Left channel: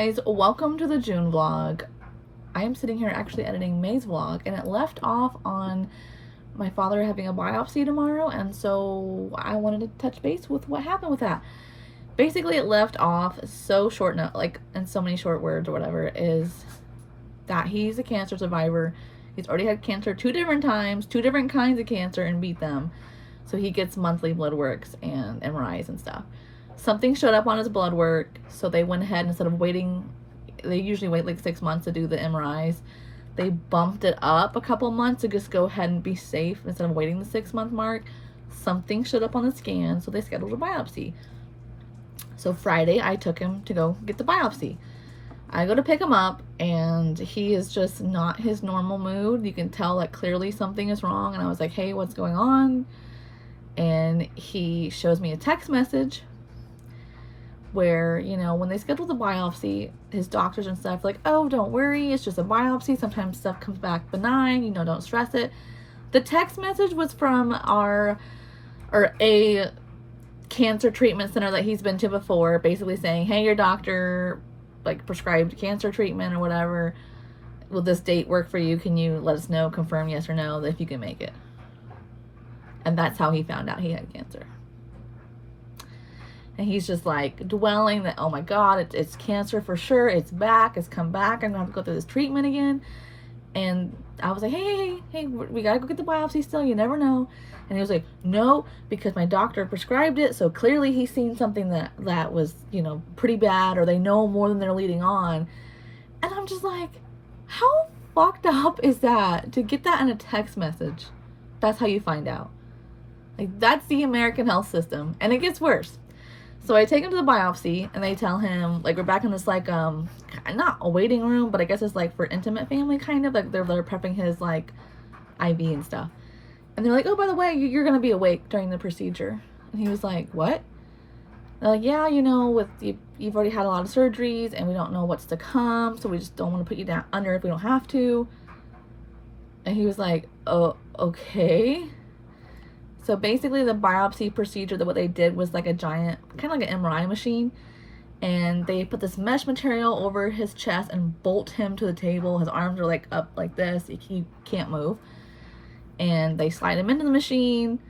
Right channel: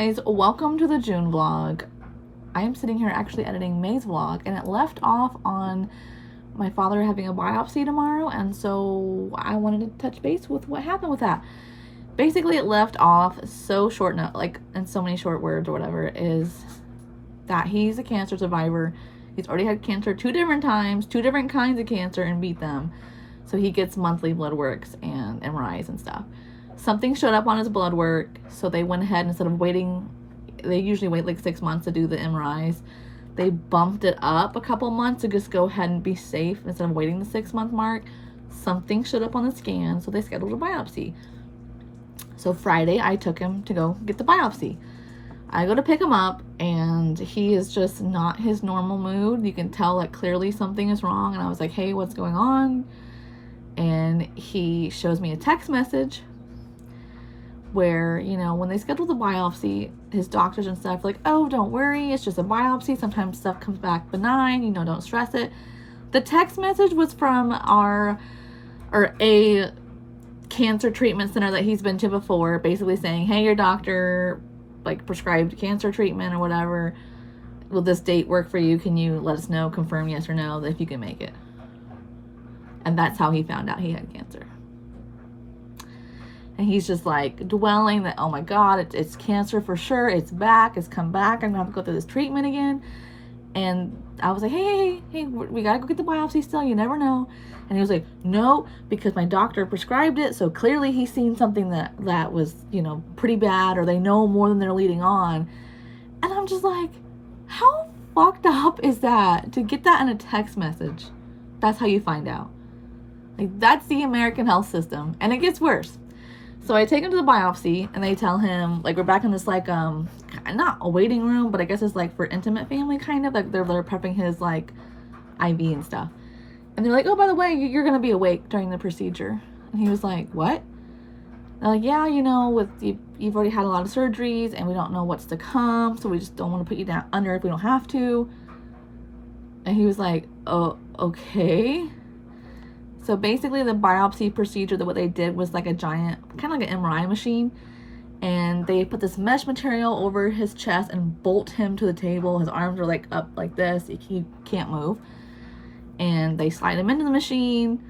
guys, welcome to the June vlog. I am sitting here actually editing May's vlog, and it left off on my father having a biopsy tomorrow, and so I wanted to touch base with what happened with that. Basically, it left off so short, like in so many short words or whatever, is that he's a cancer survivor. He's already had cancer 2 different times, 2 different kinds of cancer, and beat them. So he gets monthly blood works and MRIs and stuff. Something showed up on his blood work, so they went ahead, instead of waiting, they usually wait like 6 months to do the MRIs, they bumped it up a couple months to just go ahead and be safe instead of waiting the 6-month mark. Something showed up on the scan, so they scheduled a biopsy. So Friday, I took him to go get the biopsy. I go to pick him up, and he is just not his normal mood. You can tell that clearly something is wrong, and I was like, hey, what's going on? And he shows me a text message where, you know, when they schedule the biopsy, his doctors and stuff like, oh, don't worry, it's just a biopsy. Sometimes stuff comes back benign, you know, don't stress it. The text message was from a cancer treatment center that he's been to before, basically saying, hey, your doctor like prescribed cancer treatment or whatever. Will this date work for you? Can you let us know, confirm yes or no, if you can make it? And that's how he found out he had cancer. And he's just like dwelling that, oh my God, it's cancer for sure. It's back. It's come back. I'm going to have to go through this treatment again. And I was like, hey, we got to go get the biopsy still. You never know. And he was like, no, because my doctor prescribed it. So clearly he's seen something that was, you know, pretty bad, or they know more than they're leading on. And I'm just like, how fucked up is that to get that in a text message? That's how you find out. Like, that's the American health system. And it gets worse. So I take him to the biopsy, and they tell him, like, we're back in this, like, not a waiting room, but I guess it's, like, for intimate family, kind of. Like, they're prepping his, like, IV and stuff. And they're like, oh, by the way, you're going to be awake during the procedure. And he was like, what? They're like, yeah, you know, you've already had a lot of surgeries, and we don't know what's to come, so we just don't want to put you down under if we don't have to. And he was like, oh, okay. So basically the biopsy procedure, what they did was like a giant, kind of like an MRI machine. And they put this mesh material over his chest and bolt him to the table. His arms are like up like this. He can't move. And they slide him into the machine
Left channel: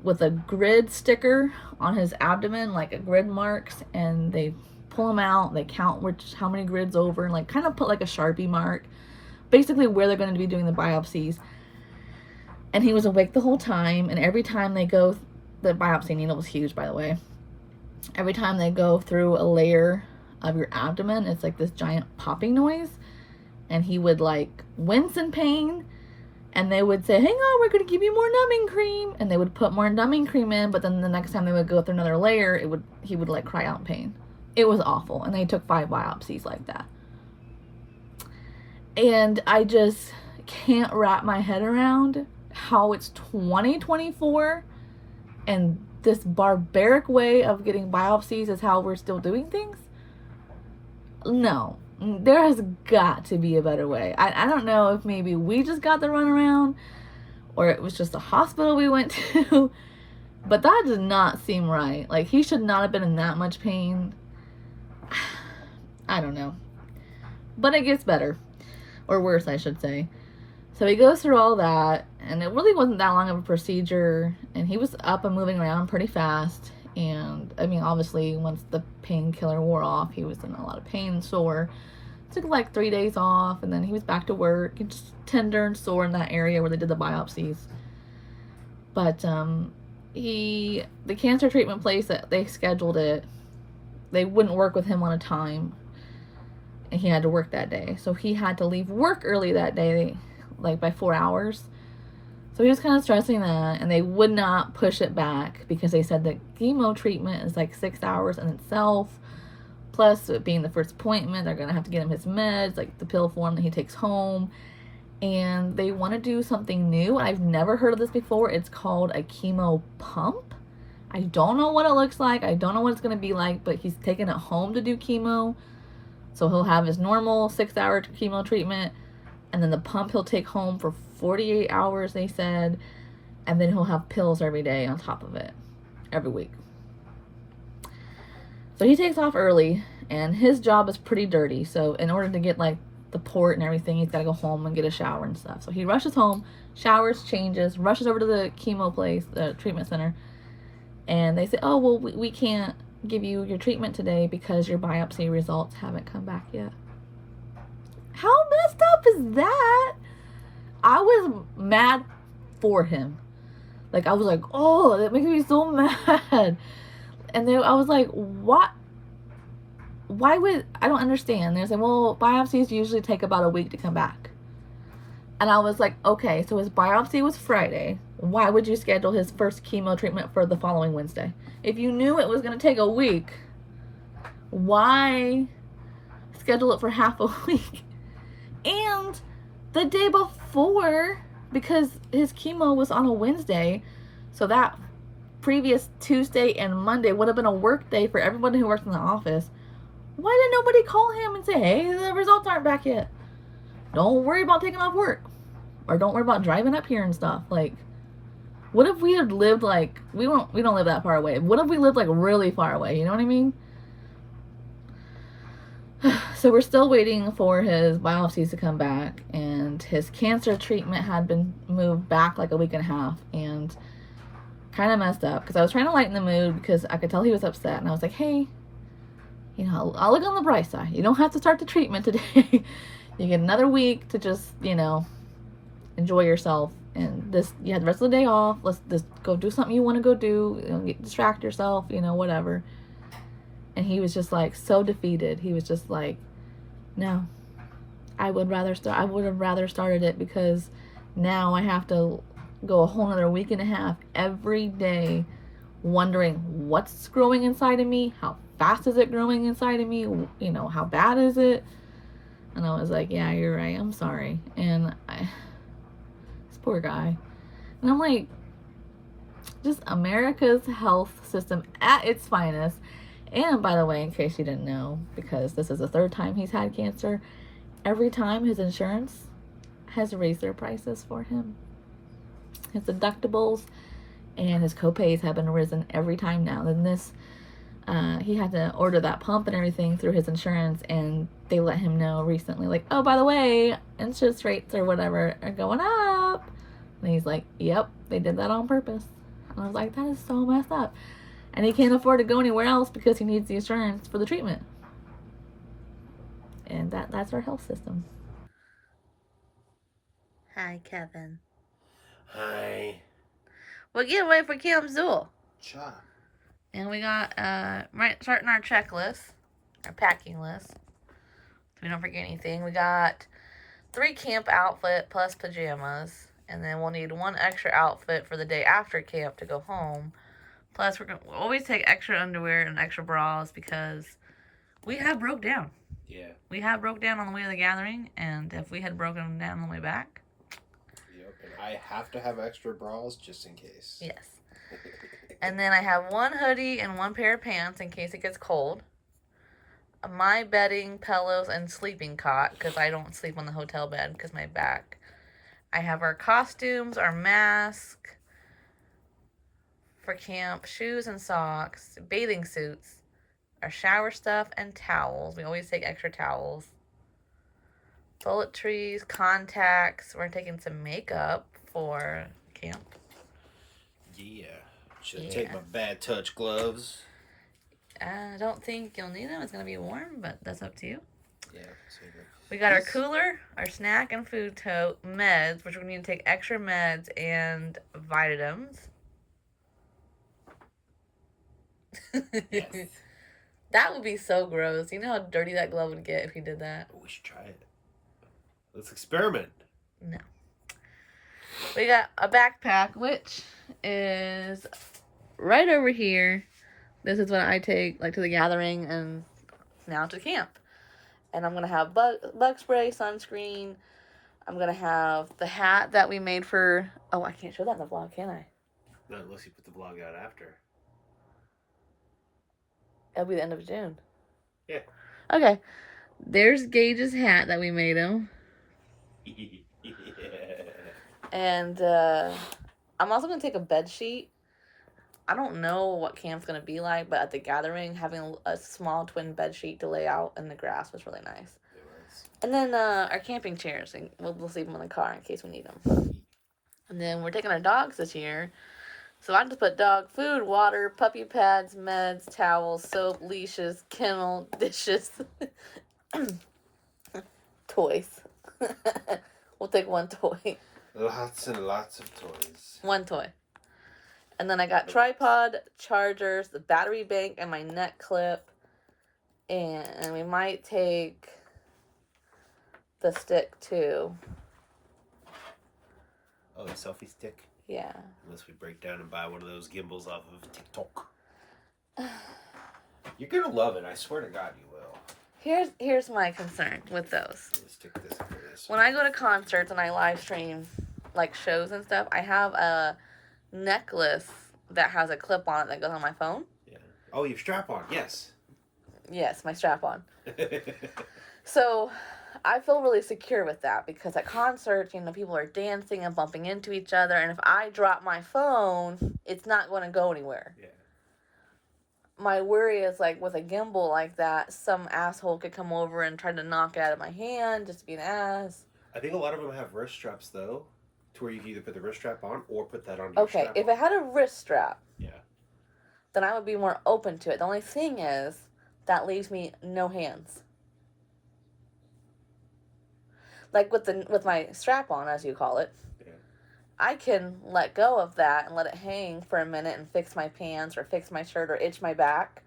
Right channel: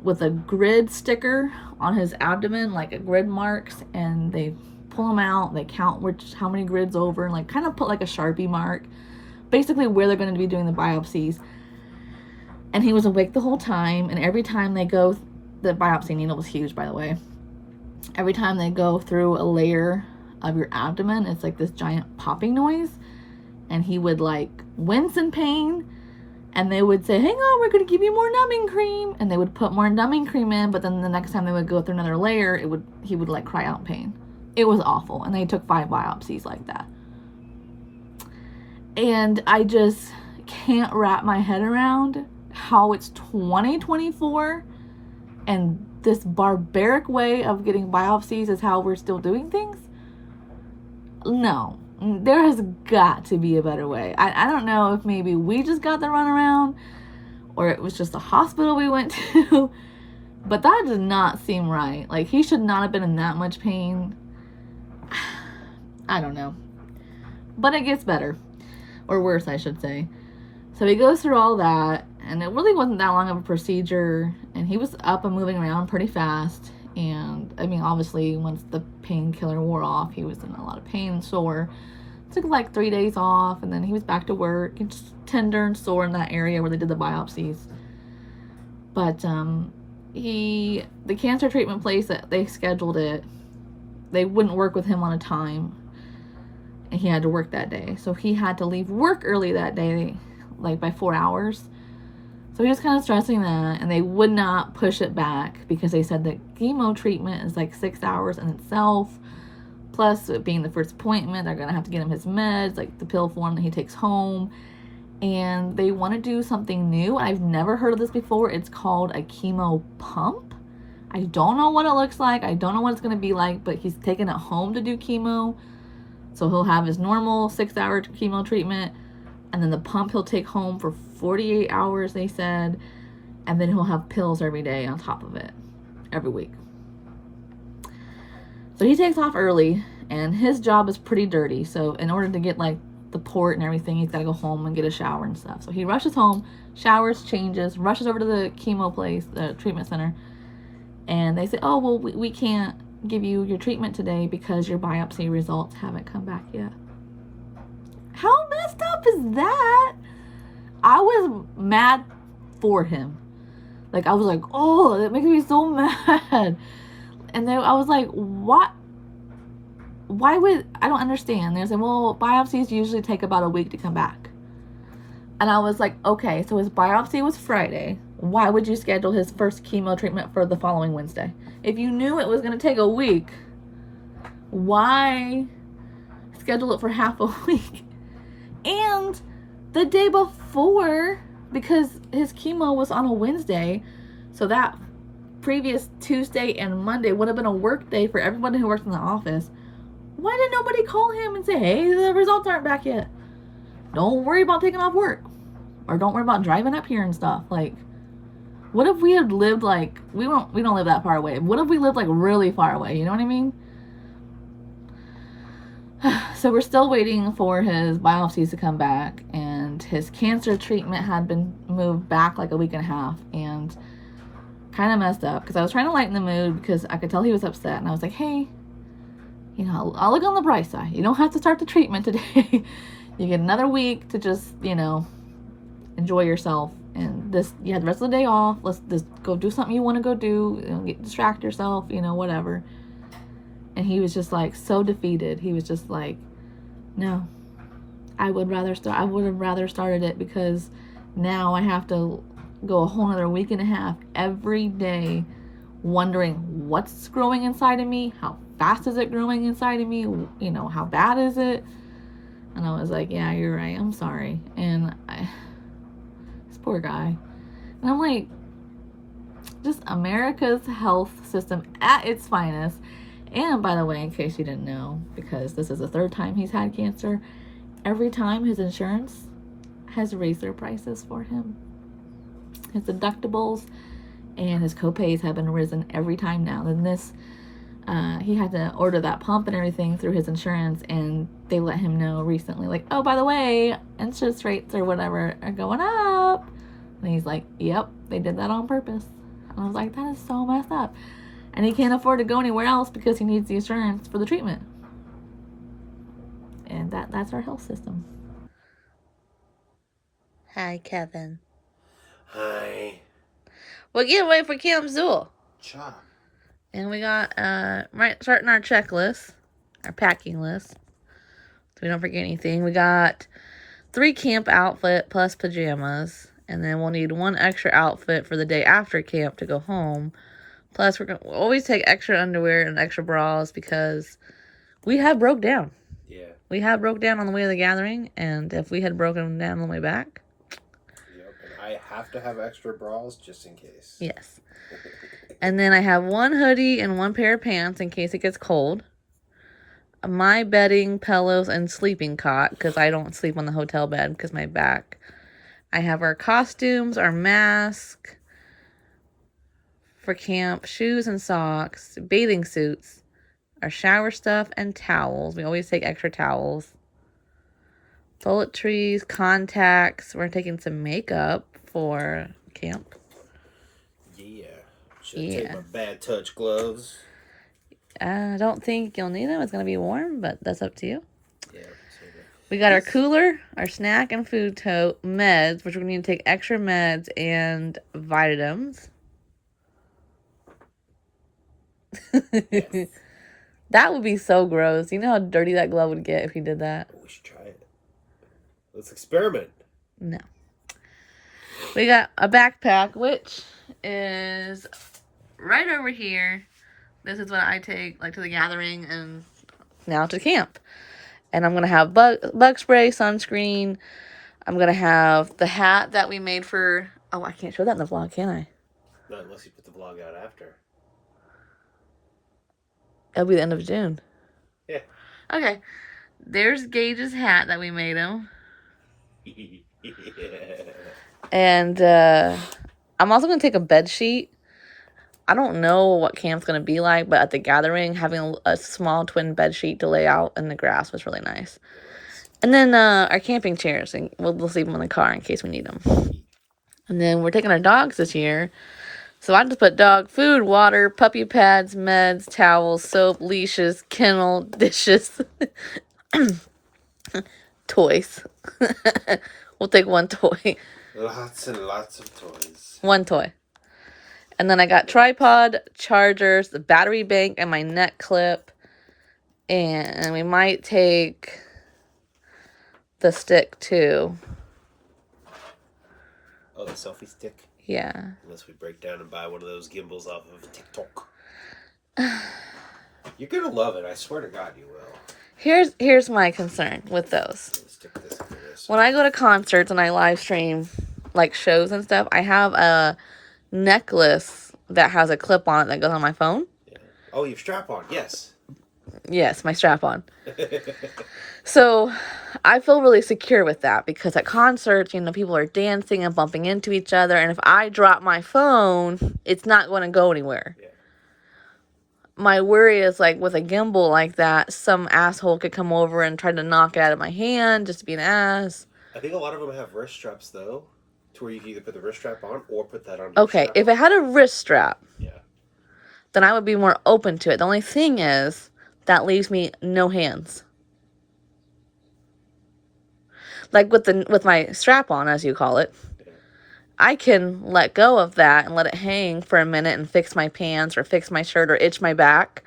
with a grid sticker on his abdomen, like a grid marks. And they pull him out. They count how many grids over, and like kind of put like a Sharpie mark. Basically where they're going to be doing the biopsies. And he was awake the whole time, and every time they go, the biopsy needle was huge, by the way. Every time they go through a layer of your abdomen, it's like this giant popping noise, and he would like wince in pain, and they would say, hang on, we're going to give you more numbing cream, and they would put more numbing cream in, but then the next time they would go through another layer, he would like cry out in pain. It was awful, and they took 5 biopsies like that. And I just can't wrap my head around how it's 2024 and this barbaric way of getting biopsies is how we're still doing things. No, there has got to be a better way. I don't know if maybe we just got the runaround, or it was just a hospital we went to, but that did not seem right. Like, he should not have been in that much pain. I don't know, but it gets better, or worse, I should say. So he goes through all that, and it really wasn't that long of a procedure, and he was up and moving around pretty fast. And I mean, obviously once the painkiller wore off, he was in a lot of pain and sore. Took like 3 days off, and then he was back to work, and just tender and sore in that area where they did the biopsies. But the cancer treatment place that they scheduled it, they wouldn't work with him on a time, and he had to work that day, so he had to leave work early that day, like by 4 hours. So he was kind of stressing that, and they would not push it back because they said that chemo treatment is like 6 hours in itself. Plus, it being the first appointment, they're going to have to get him his meds, like the pill form that he takes home. And they want to do something new. I've never heard of this before. It's called a chemo pump. I don't know what it looks like. I don't know what it's going to be like, but he's taking it home to do chemo. So he'll have his normal 6-hour chemo treatment, and then the pump he'll take home for 48 hours, they said, and then he'll have pills every day on top of it, every week. So he takes off early, And his job is pretty dirty. So in order to get like the port and everything, he's got to go home and get a shower and stuff. So he rushes home, showers, changes, rushes over to the chemo place, the treatment center. And they say, oh, well, we can't give you your treatment today because your biopsy results haven't come back yet. How messed up is that? I was mad for him. Like, I was like, oh, that makes me so mad. And then I was like, what? Why would, I don't understand. They're saying, well, biopsies usually take about a week to come back. And I was like, okay, so his biopsy was Friday. Why would you schedule his first chemo treatment for the following Wednesday? If you knew it was going to take a week, why schedule it for half a week? And the day before, because his chemo was on a Wednesday, so that previous Tuesday and Monday would have been a work day for everybody who works in the office. Why did nobody call him and say, hey, the results aren't back yet? Don't worry about taking off work. Or don't worry about driving up here and stuff. Like, what if we had lived like, we don't live that far away. What if we lived like really far away? You know what I mean? So we're still waiting for his biopsies to come back, and his cancer treatment had been moved back like a week and a half, and kind of messed up because I was trying to lighten the mood because I could tell he was upset, and I was like, hey, you know, I'll look on the bright side. You don't have to start the treatment today. You get another week to just, you know, enjoy yourself, and this, you had the rest of the day off. Let's just go do something you want to go do, you know, distract yourself, you know, whatever. And he was just like so defeated. He was just like, no, I would have rather started it because now I have to go a whole another week and a half every day wondering what's growing inside of me, how fast is it growing inside of me, you know, how bad is it? And I was like, yeah, you're right, I'm sorry. And this poor guy. And I'm like, just America's health system at its finest. And by the way, in case you didn't know, because this is the third time he's had cancer, every time his insurance has raised their prices for him. His deductibles and his copays have been risen every time now. And this, he had to order that pump and everything through his insurance, and they let him know recently, like, oh, by the way, interest rates or whatever are going up. And he's like, yep, they did that on purpose. And I was like, that is so messed up. And he can't afford to go anywhere else because he needs the insurance for the treatment. And that's our health system. Hi, Kevin. Hi. We're getting ready for Camp Zool. Cha. And we got, starting our checklist, our packing list, so we don't forget anything. We got 3 camp outfit plus pajamas. And then we'll need 1 extra outfit for the day after camp to go home. Plus, we'll always take extra underwear and extra bras because we have broke down. Yeah. We have broke down on the way to the gathering, and if we had broken down on the way back. Yep, and I have to have extra bras just in case. Yes. And then I have 1 hoodie and 1 pair of pants in case it gets cold. My bedding, pillows, and sleeping cot because I don't sleep on the hotel bed because my back. I have our costumes, our mask for camp, shoes and socks, bathing suits, our shower stuff, and towels. We always take extra towels. Toiletries, contacts. We're taking some makeup for camp. Yeah. Should I take my bad touch gloves? I don't think you'll need them. It's going to be warm, but that's up to you. Yeah. We got our cooler, our snack and food tote, meds, which we're going to need to take extra meds and vitamins. Yes. That would be so gross. You know how dirty that glove would get if you did that? Oh, we should try it. Let's experiment. No. We got a backpack, which is right over here. This is what I take like to the gathering and now to camp. And I'm going to have bug spray, sunscreen. I'm going to have the hat that we made for... Oh, I can't show that in the vlog, can I? Not unless you put the vlog out after. It'll be the end of June. Yeah. Okay. There's Gage's hat that we made him. And I'm also going to take a bed sheet. I don't know what camp's going to be like, but at the gathering, having a small twin bed sheet to lay out in the grass was really nice. And then our camping chairs, and we'll leave them in the car in case we need them. And then we're taking our dogs this year. So I just put dog food, water, puppy pads, meds, towels, soap, leashes, kennel, dishes, toys. We'll take one toy. Lots and lots of toys. One toy. And then I got tripod, chargers, the battery bank, and my neck clip. And we might take the stick too. Oh, the selfie stick? Yeah. Unless we break down and buy one of those gimbals off of TikTok. You're gonna love it. I swear to God, you will. Here's my concern with those. Let's stick this into this. When I go to concerts and I live stream like shows and stuff, I have a necklace that has a clip on it that goes on my phone. Yeah. Oh, you have strap on. Yes. Yes, my strap on. So I feel really secure with that because at concerts, people are dancing and bumping into each other. And if I drop my phone, it's not going to go anywhere. Yeah. My worry is like with a gimbal like that, some asshole could come over and try to knock it out of my hand just to be an ass. I think a lot of them have wrist straps though, to where you can either put the wrist strap on or put that on. Okay, if it had a wrist strap, yeah, then I would be more open to it. The only thing is that leaves me no hands. Like with my strap on, as you call it, yeah. I can let go of that and let it hang for a minute and fix my pants or fix my shirt or itch my back.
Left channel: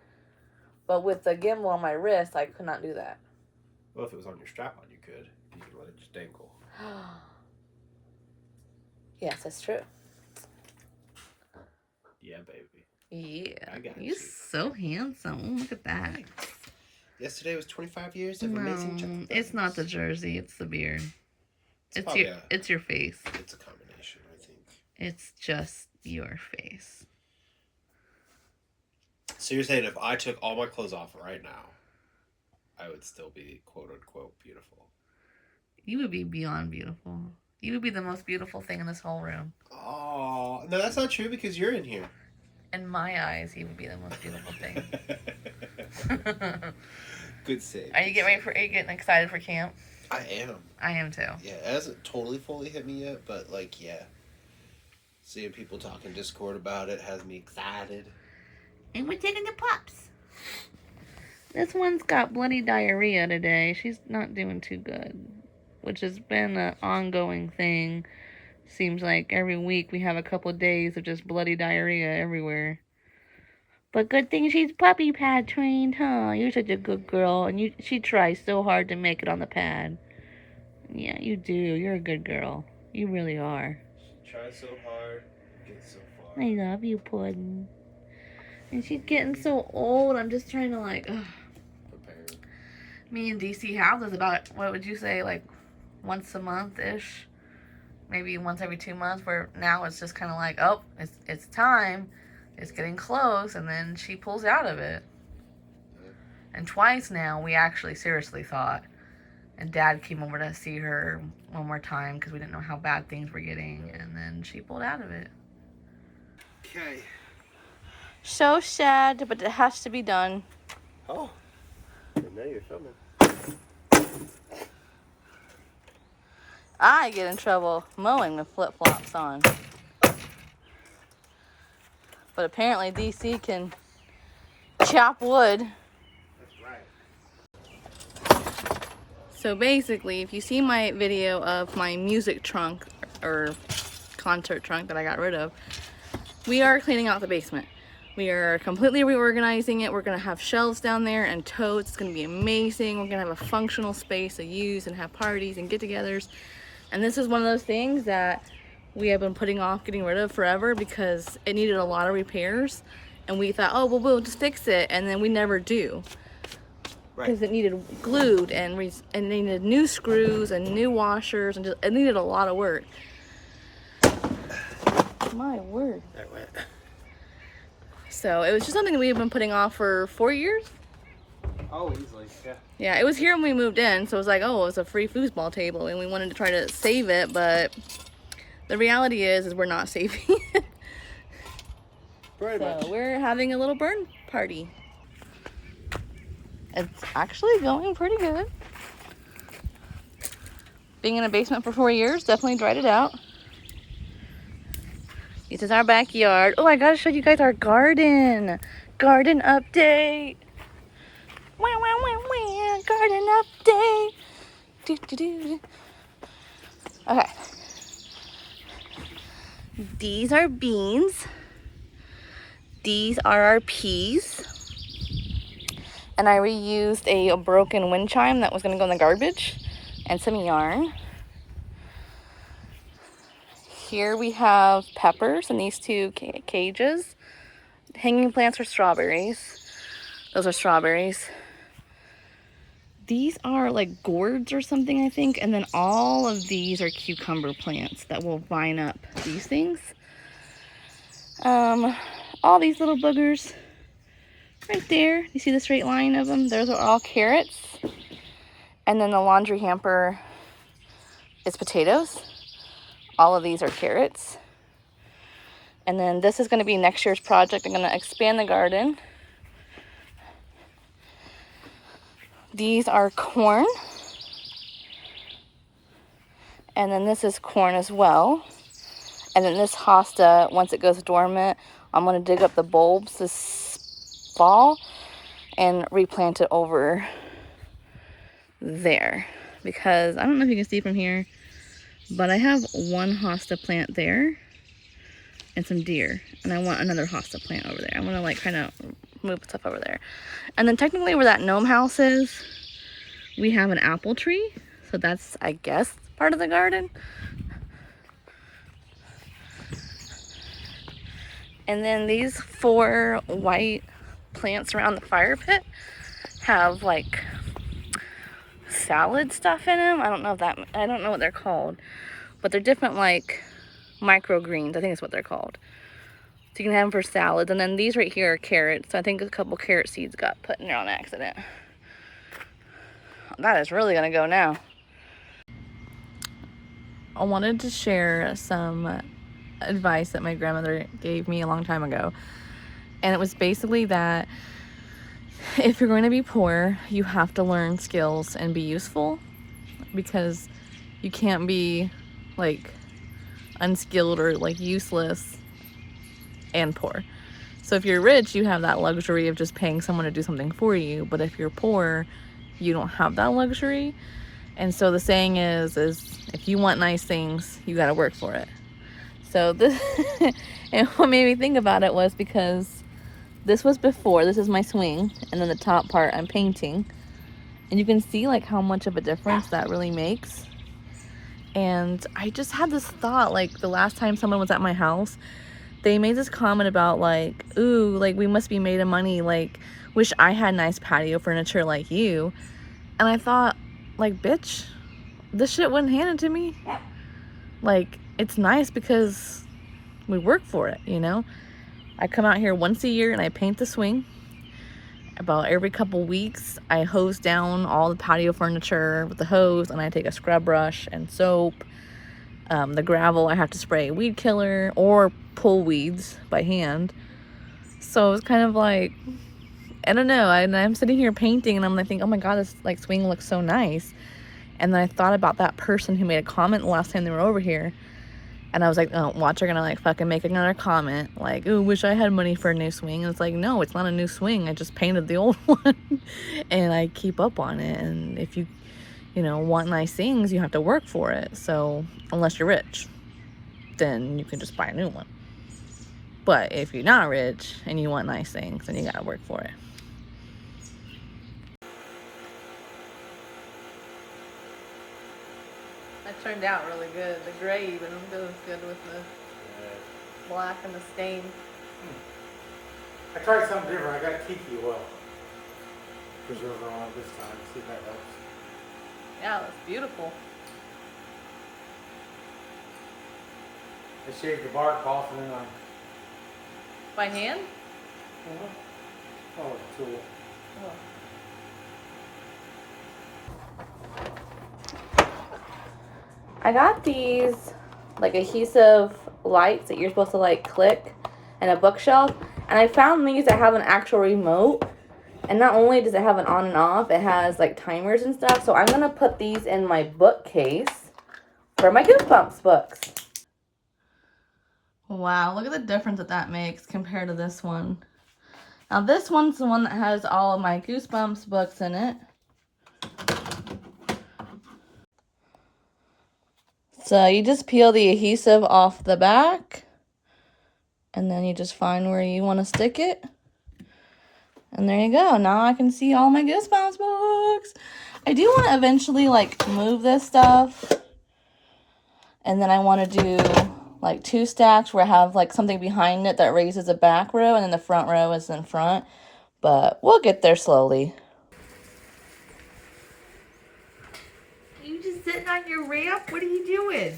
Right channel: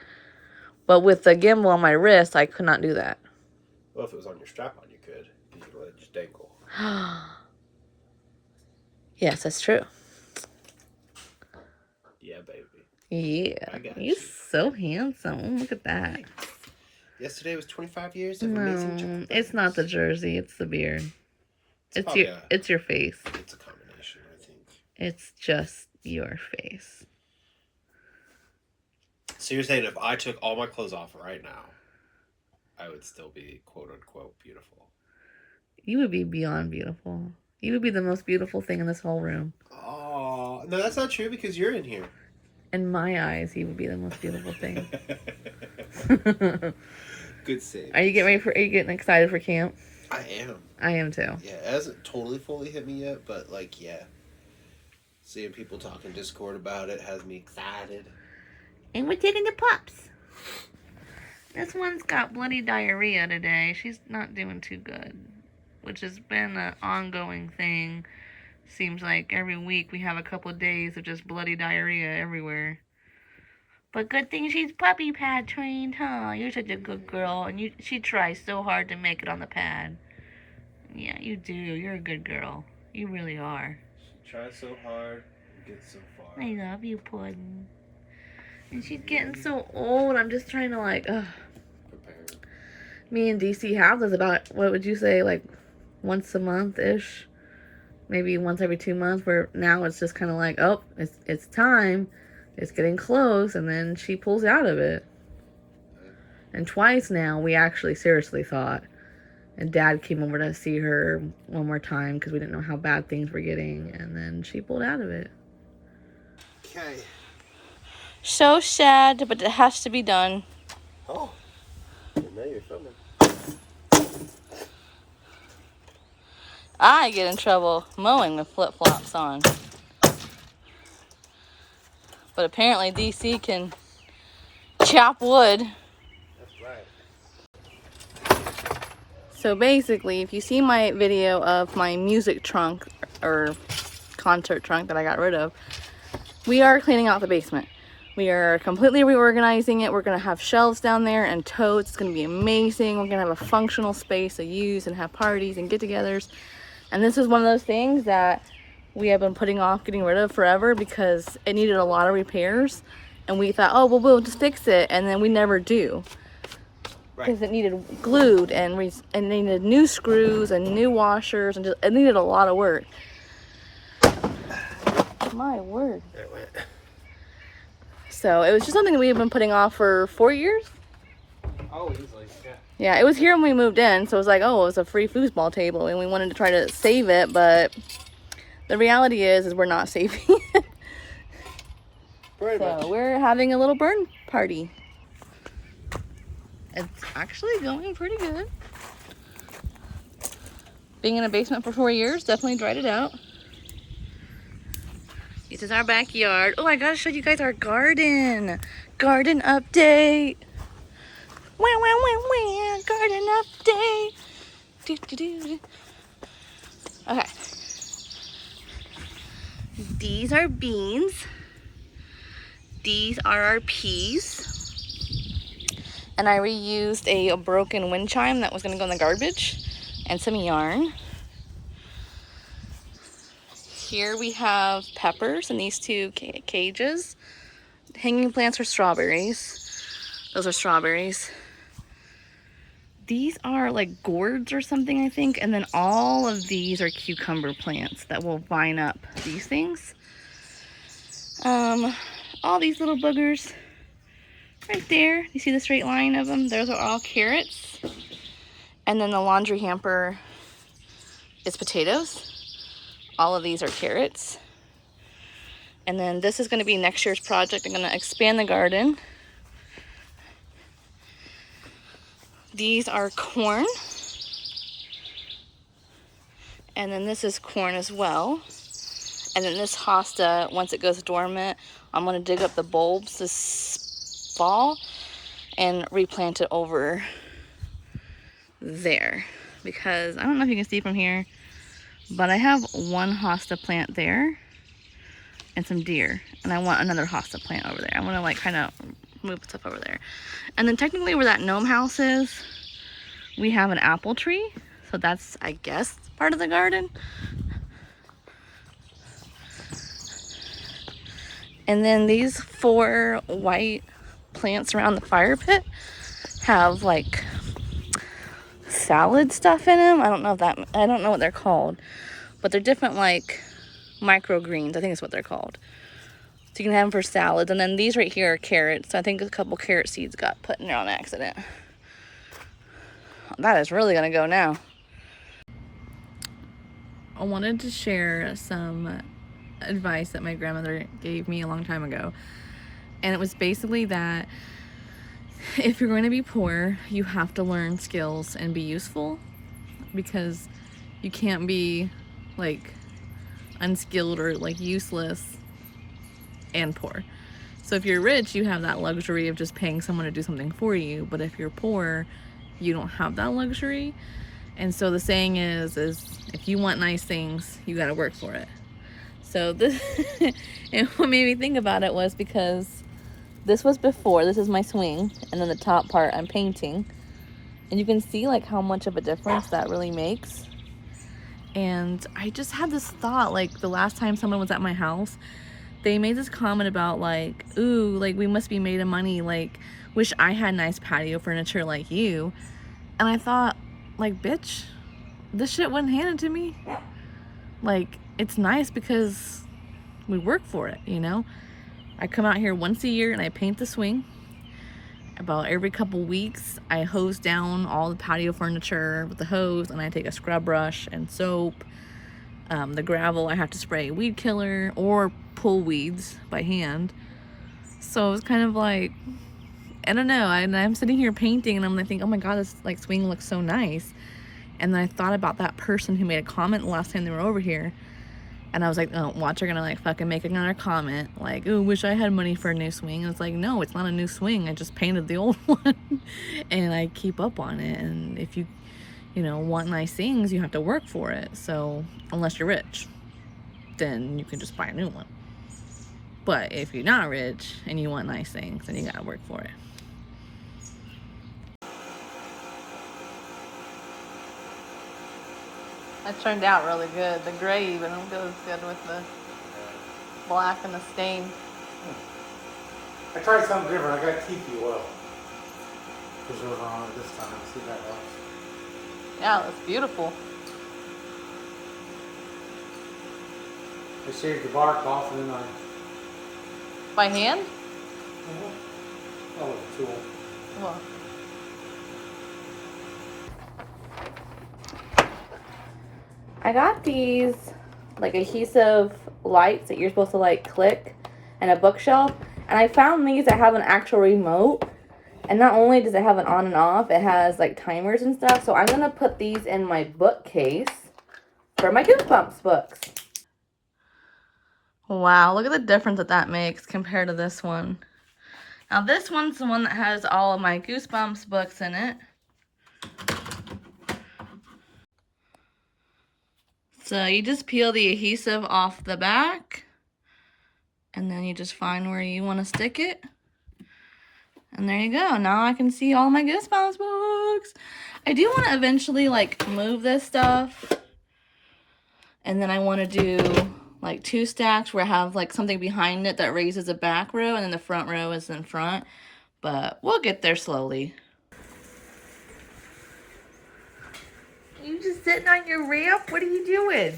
But with the gimbal on my wrist, I could not do that. Well, if it was on your strap on, you could. You could let it just dangle. Yes, that's true. Yeah, baby. Yeah. You're so handsome. Look at that. Yesterday was 25 years of amazing chocolate. It's not the jersey, it's the beard. It's your face. It's a combination, I think. It's just your face. So you're saying if I took all my clothes off right now, I would still be quote unquote beautiful? You would be beyond beautiful. You would be the most beautiful thing in this whole room. Oh, no, that's not true because you're in here. In my eyes, he would be the most beautiful thing. Good save. Are you getting excited for camp? I am. I am too. Yeah, it hasn't totally fully hit me yet, but like, yeah. Seeing people talk in Discord about it has me excited. And we're taking the pups. This one's got bloody diarrhea today. She's not doing too good, which has been an ongoing thing. Seems like every week we have a couple of days of just bloody diarrhea everywhere. But good thing she's puppy pad trained, huh? You're such a good girl, and she tries so hard to make it on the pad. Yeah, you do. You're a good girl. You really are. She tries so hard and gets so far. I love you, Puddin'. And she's getting so old. I'm just trying to prepare. Me and DC have this about, what would you say, like once a month-ish? Maybe once every 2 months, where now it's just kind of like, oh, it's time. It's getting close, and then she pulls out of it. Yeah. And twice now, we actually seriously thought. And Dad came over to see her one more time because we didn't know how bad things were getting, and then she pulled out of it. Okay. So sad, but it has to be done. Oh, now you're filming. I get in trouble mowing with flip-flops on. But apparently DC can chop wood. That's right. So basically, if you see my video of my music trunk or concert trunk that I got rid of, we are cleaning out the basement. We are completely reorganizing it. We're going to have shelves down there and totes. It's going to be amazing. We're going to have a functional space to use and have parties and get-togethers. And this is one of those things that we have been putting off getting rid of forever because it needed a lot of repairs. And we thought, oh, well, we'll just fix it. And then we never do. Because it needed glued and it needed new screws and new washers. And it needed a lot of work. My word. So it was just something that we have been putting off for 4 years. Oh, easily, yeah. Yeah, it was here when we moved in. So it was like, oh, it was a free foosball table. And we wanted to try to save it, but the reality is we're not saving it. Very much. So we're having a little burn party. It's actually going pretty good. Being in a basement for 4 years definitely dried it out. This is our backyard. Oh, I gotta show you guys our garden. Garden update. Wah, wah, wah, wah. Garden update. Do, do, do. Okay. These are beans. These are our peas. And I reused a broken wind chime that was gonna go in the garbage and some yarn. Here we have peppers in these two cages. Hanging plants are strawberries. Those are strawberries. These are like gourds or something, I think. And then all of these are cucumber plants that will vine up these things. All these little boogers right there. You see the straight line of them? Those are all carrots. And then the laundry hamper is potatoes. All of these are carrots. And then this is going to be next year's project. I'm going to expand the garden. These are corn. And then this is corn as well. And then this hosta, once it goes dormant, I'm going to dig up the bulbs this fall and replant it over there. Because I don't know if you can see from here, but I have one hosta plant there and some deer, and I want another hosta plant over there. I want to like kind of move stuff over there. And then technically where that gnome house is, we have an apple tree, so that's, I guess, part of the garden. And then these 4 white plants around the fire pit have like salad stuff in them. I don't know what they're called, but they're different like microgreens, I think is what they're called. So you can have them for salads. And then these right here are carrots. So I think a couple carrot seeds got put in there on accident. That is really gonna go now. I wanted to share some advice that my grandmother gave me a long time ago. And it was basically that if you're going to be poor, you have to learn skills and be useful, because you can't be like unskilled or like useless and poor. So if you're rich, you have that luxury of just paying someone to do something for you. But if you're poor, you don't have that luxury. And so the saying is if you want nice things, you got to work for it. So this, and what made me think about it was because this was before, this is my swing, and then the top part I'm painting. And you can see like how much of a difference that really makes. And I just had this thought, like the last time someone was at my house, they made this comment about like, ooh, like we must be made of money, like wish I had nice patio furniture like you. And I thought, like, bitch, this shit wasn't handed to me. Like, it's nice because we work for it, you know? I come out here once a year and I paint the swing. About every couple weeks, I hose down all the patio furniture with the hose, and I take a scrub brush and soap. The gravel, I have to spray weed killer or pull weeds by hand. So it's kind of like, I don't know, I'm sitting here painting and I'm like, oh my god, this like swing looks so nice. And then I thought about that person who made a comment the last time they were over here. And I was like, oh, watch, they're gonna like fucking make another comment. Like, oh, wish I had money for a new swing. And it's like, no, it's not a new swing. I just painted the old one. And I keep up on it. And if you know, want nice things, you have to work for it. So unless you're rich, then you can just buy a new one. But if you're not rich and you want nice things, then you gotta work for it. That turned out really good. The gray even goes good with the black and the stain. I tried something different. I got tiki oil preserver on it this time. See if that helps. Yeah, it was beautiful. I shaved the bark off and then I... By hand? Oh, tool. Well, I got these like adhesive lights that you're supposed to like click and a bookshelf, And I found these that have an actual remote. And not only does it have an on and off, it has like timers and stuff. So I'm going to put these in my bookcase for my Goosebumps books. Wow, look at the difference that makes compared to this one. Now this one's the one that has all of my Goosebumps books in it. So you just peel the adhesive off the back. And then you just find where you want to stick it. And there you go. Now I can see all my Goosebumps books. I do want to eventually like move this stuff. And then I want to do like 2 stacks where I have like something behind it that raises the back row and then the front row is in front. But we'll get there slowly. You just sitting on your ramp? What are you doing?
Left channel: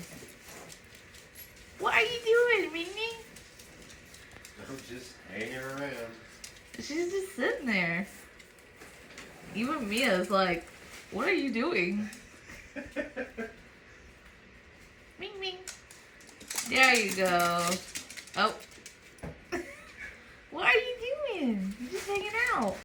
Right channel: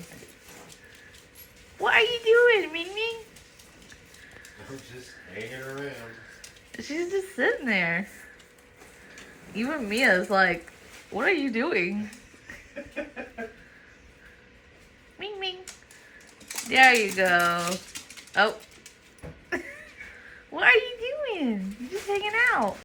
What are you doing, Mimi? I'm just hanging around. She's just sitting there. Even Mia's like, what are you doing? Ming Ming. There you go. Oh. What are you doing? You're just hanging out.